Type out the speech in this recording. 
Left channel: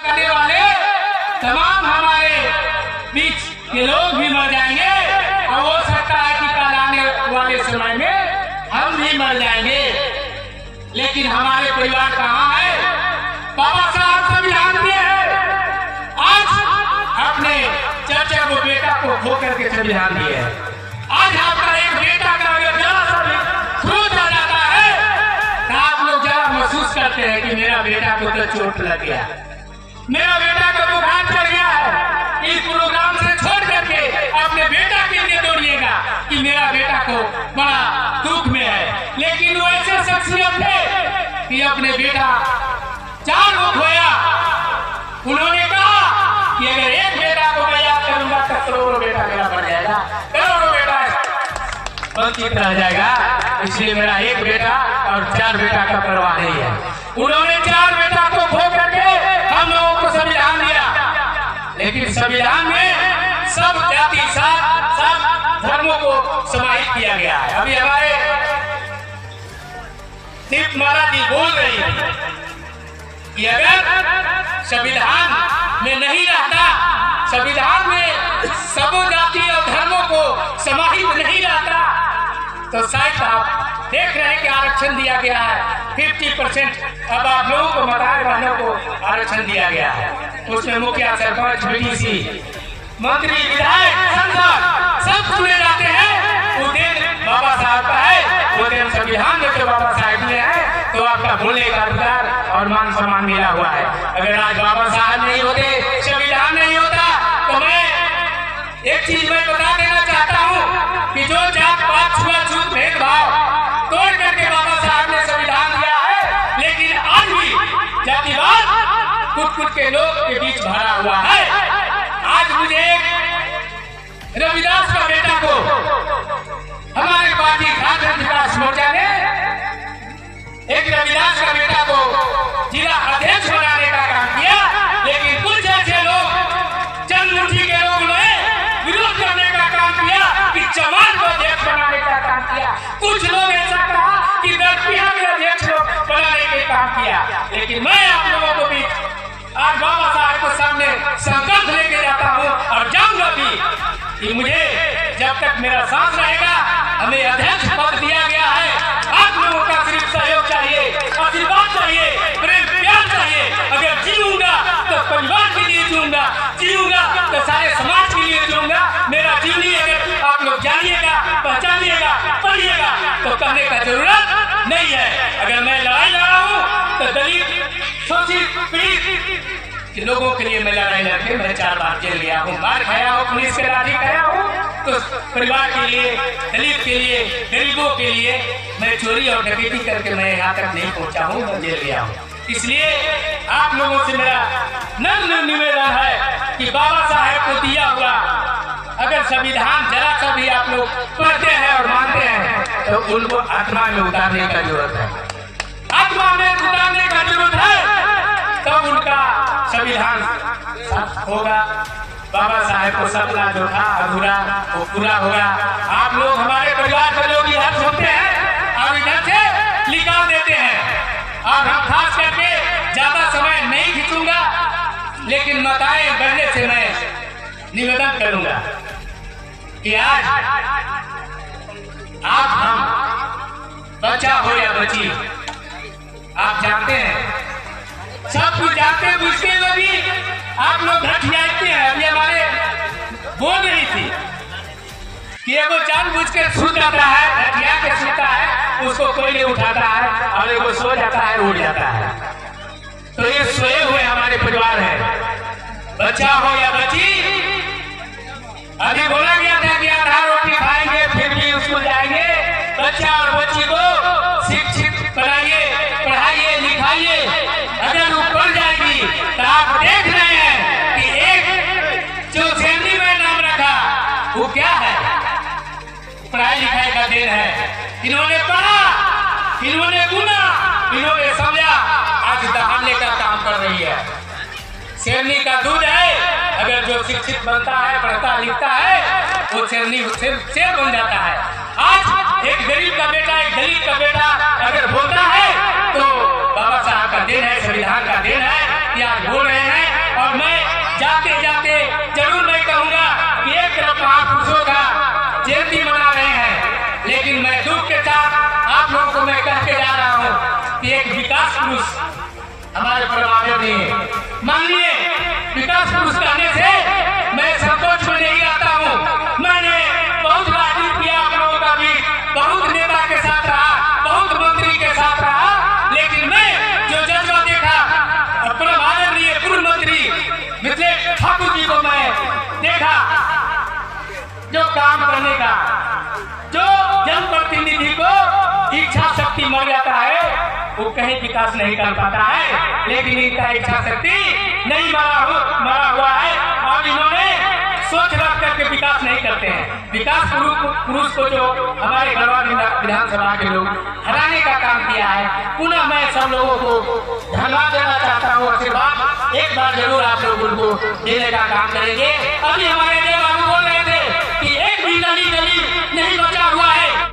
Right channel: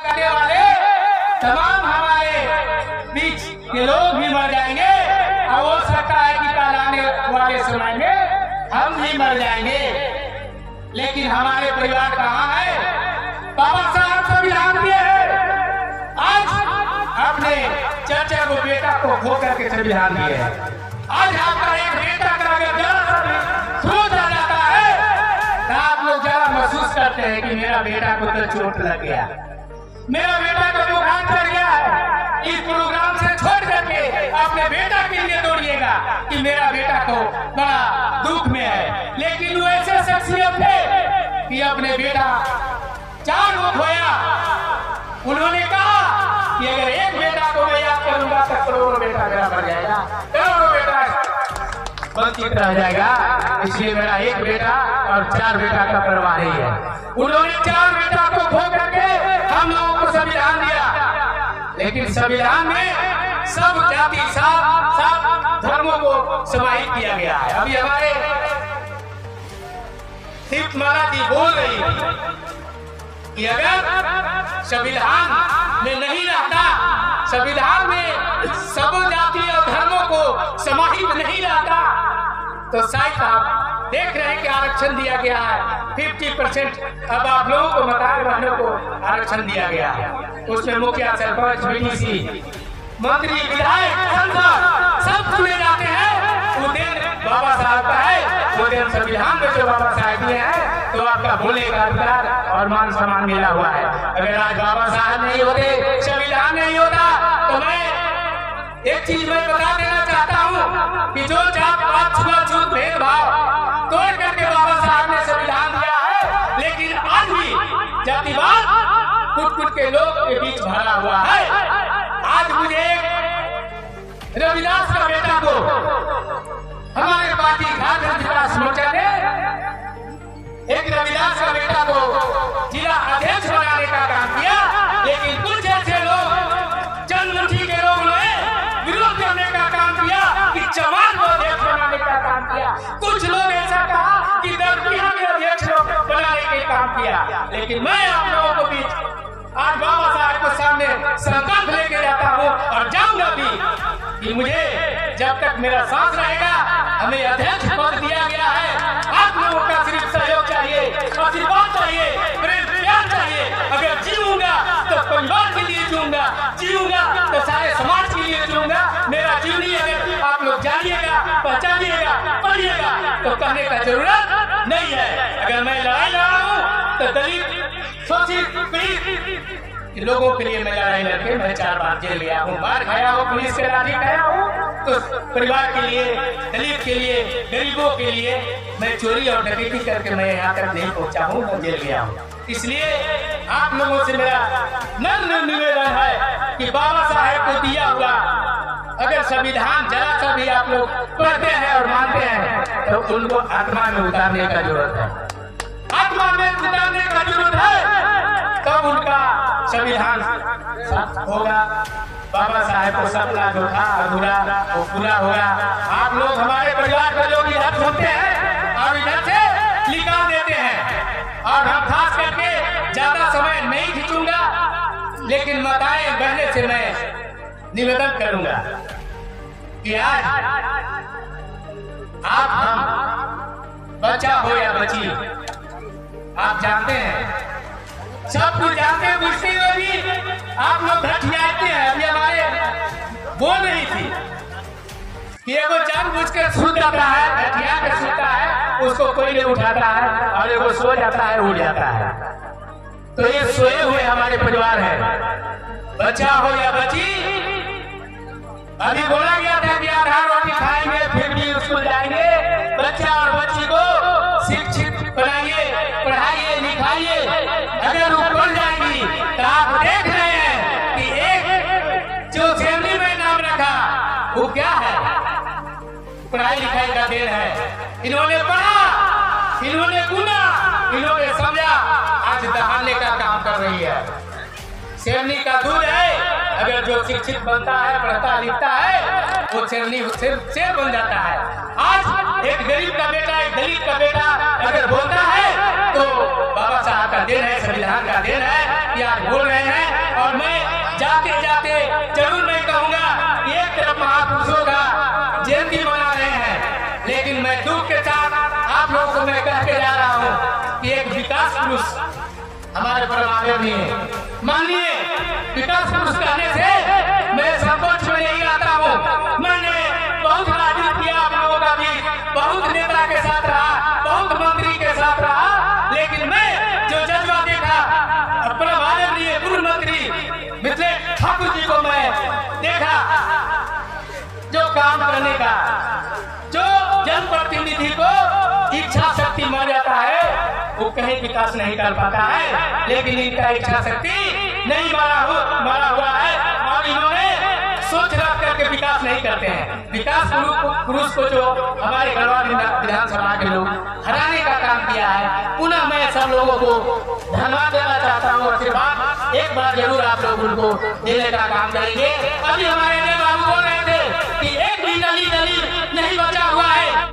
करने वाले तमाम हमारे बीच के लोग भी मर जाएंगे और हो सकता है कि कल आने वाले समय में हम भी मर जाएंगे, लेकिन हमारे परिवार कहाँ है? बाबा साहब संविधान दिए हैं, आज अपने चचा को बेटा को खो करके संविधान दिए हैं। आज आपका एक बेटा का अगर जरा सा भी खरोच आ जाता है तो आप लोग जरा महसूस करते हैं कि मेरा बेटा को तो चोट लग गया, मेरा बेटा का बुखार चढ़ गया है। इस प्रोग्राम से छोड़ करके अपने बेटा के लिए दौड़िएगा कि मेरा बेटा को बड़ा दुख में है। लेकिन वो ऐसे शख्सियत थे कि अपने बेटा 4 को खोया, उन्होंने कहा कि अगर एक बेटा को मैं याद करूंगा तो करोड़ों बेटा मेरा बढ़ जाएगा, करोड़ों बेटा वंचित रह जाएगा, इसलिए मेरा एक बेटा और 4 बेटा का परवाह नहीं है। उन्होंने 4 बेटा को खो करके हम लोगों को संविधान दिया, लेकिन संविधान में सब जाति सब धर्मों को समाहित किया गया है। अभी हमारे दीप महाराज जी बोल रही है कि अगर संविधान में नहीं रहता, संविधान में सब जाति और धर्मों को समाहित नहीं रहता, तो शायद आप देख रहे हैं कि आरक्षण दिया गया है 50%। अब आप लोगों को मकान बहनों को आरक्षण दिया गया है, उसमें मुखिया, सरपंच, बीडीसी, मंत्री, विधायक, सांसद सब चुने जाते हैं। वो दिन बाबा साहब का है, वो दिन संविधान में जो बाबा साहब दिए हैं, तो आपका बोलने का अधिकार और मान सम्मान मिला हुआ है। अगर आज बाबा साहब नहीं होते, संविधान नहीं होता, तो मैं एक चीज मैं बता देना चाहता हूँ कि जो जात पात छुआछूत भेदभाव तोड़ करके बाबा साहब ने संविधान दिया है, लेकिन आज भी जातिवाद कुट-कुट के लोग के बीच भरा हुआ है। आज मुझे एक रविदास का बेटा को हमारे पार्टी झारखंड विकास मोर्चा ने एक रविदास का बेटा को जिला अध्यक्ष बनाने का काम किया, लेकिन कुछ ऐसे लोग जनमुठी के लोगों ने विरोध करने का काम किया कि चमार को अध्यक्ष बनाने का काम किया। कुछ लोग ऐसा कहा कि दरपिया के अध्यक्ष बनाने का काम किया, लेकिन मैं आप लोगों को भी आज बाबा साहब के सामने संकल्प लेके जाता हूँ और जाऊंगा भी कि मुझे जब तक मेरा सांस रहेगा, हमें अध्यक्ष पद दिया गया है। आप लोगों का सिर्फ सहयोग चाहिए, आशीर्वाद चाहिए, प्रेम प्यार चाहिए। अगर जीऊंगा तो परिवार के लिए जीऊंगा, जीऊंगा तो सारे समाज के लिए जीऊंगा। मेरा जीवनी अगर आप लोग जानिएगा, पहचानिएगा, पढ़िएगा तो कहने का जरूरत नहीं है। अगर मैं लड़ाई लड़ा हूँ तो दलित, शोषित, पीड़ित कि लोगों के लिए मैं लड़ाई लड़के मैं 4 बार जेल गया हूँ, मार खाया हूँ, पुलिस के लाठी खाया हूँ, तो परिवार के लिए, दलित के लिए, गरीबों के लिए मैं चोरी और डकैती करके मैं यहाँ तक नहीं पहुँचा हूँ, मैं जेल गया हूँ। इसलिए आप लोगों से मेरा नम्र निवेदन है कि बाबा साहेब को दिया हुआ अगर संविधान जरा सा भी आप लोग पढ़ते हैं और मानते हैं तो उनको आत्मा में उतारने का जरूरत है, आत्मा में उतारने का जरूरत है, तब उनका संविधान होगा। बाबा साहेब को सपना जो था अधूरा वो पूरा होगा। आप लोग हमारे परिवार के लोग इधर सुनते हैं और इधर से निकाल देते हैं, और हम खास करके ज्यादा समय नहीं खींचूंगा, लेकिन माताएं बहने से मैं निवेदन करूंगा कि आज आप हम बच्चा हो या बच्ची, आप जानते हैं, सब कुछ जानते बुझते हुए भी आप लोग घटियाते हैं। अभी हमारे बोल रही थी कि एगो जानबूझकर सो जाता है, घटिया के सोता है, उसको कोई नहीं उठाता है, और एगो सो जाता है, उड़ जाता है। तो ये सोए हुए हमारे परिवार है, बच्चा हो या बच्ची। अभी बोला गया था कि आधा रोटी खाएंगे फिर भी स्कूल जाएंगे। बच्चा और बच्ची को शिक्षित बनाइए, पढ़ाइए, लिखाइए। अगर वो पढ़ जाएगी तो आप देख रहे हैं कि एक जो श्रेणी में नाम रखा वो क्या है, पढ़ाई लिखाई का देन है। इन्होंने पढ़ा, इन्होंने गुना, इन्होंने समझा, आज दहाड़ने का काम कर रही है। शेरनी का दूध है, अगर जो शिक्षित बनता है, पढ़ता लिखता है, वो शेरनी शेर बन जाता है। आज एक गरीब का बेटा, एक दलित का बेटा अगर बोलता है तो बाबा साहब का देन है, संविधान का देन है कि आज बोल रहे हैं और मैं जाते जाते जरूर मैं कहूँगा कि एक तरफ महापुरुषों का जयंती मना रहे हैं, लेकिन मैं दुख के साथ आप लोगों को मैं कह के जा रहा हूँ कि एक विकास पुरुष हमारे परमाणु में, माननीय विकास पुरुष कहने से मैं संकोच में नहीं रहता हूँ। मैंने बहुत बातचीत किया आप लोगों का भी, बहुत नेता के साथ रहा, बहुत मंत्री के साथ रहा, लेकिन मैं जो जज्बा देखा परमादरणीय पूर्व मंत्री मिथिलेश ठाकुर जी को मैं देखा, जो काम करने का, जो जनप्रतिनिधि को इच्छा शक्ति मर जाता है वो कहीं विकास नहीं कर पाता है, लेकिन इनका इच्छा शक्ति नहीं मरा हुआ है और इन्होंने सोच रख करके विकास नहीं करते हैं। विकास पुरुष को जो हमारे गढ़वा विधानसभा के लोग हराने का काम किया है, पुनः मैं सब लोगों को धन्यवाद देना चाहता हूँ। आशीर्वाद एक बार जरूर आप लोग उनको देने का काम करेंगे। अभी हमारे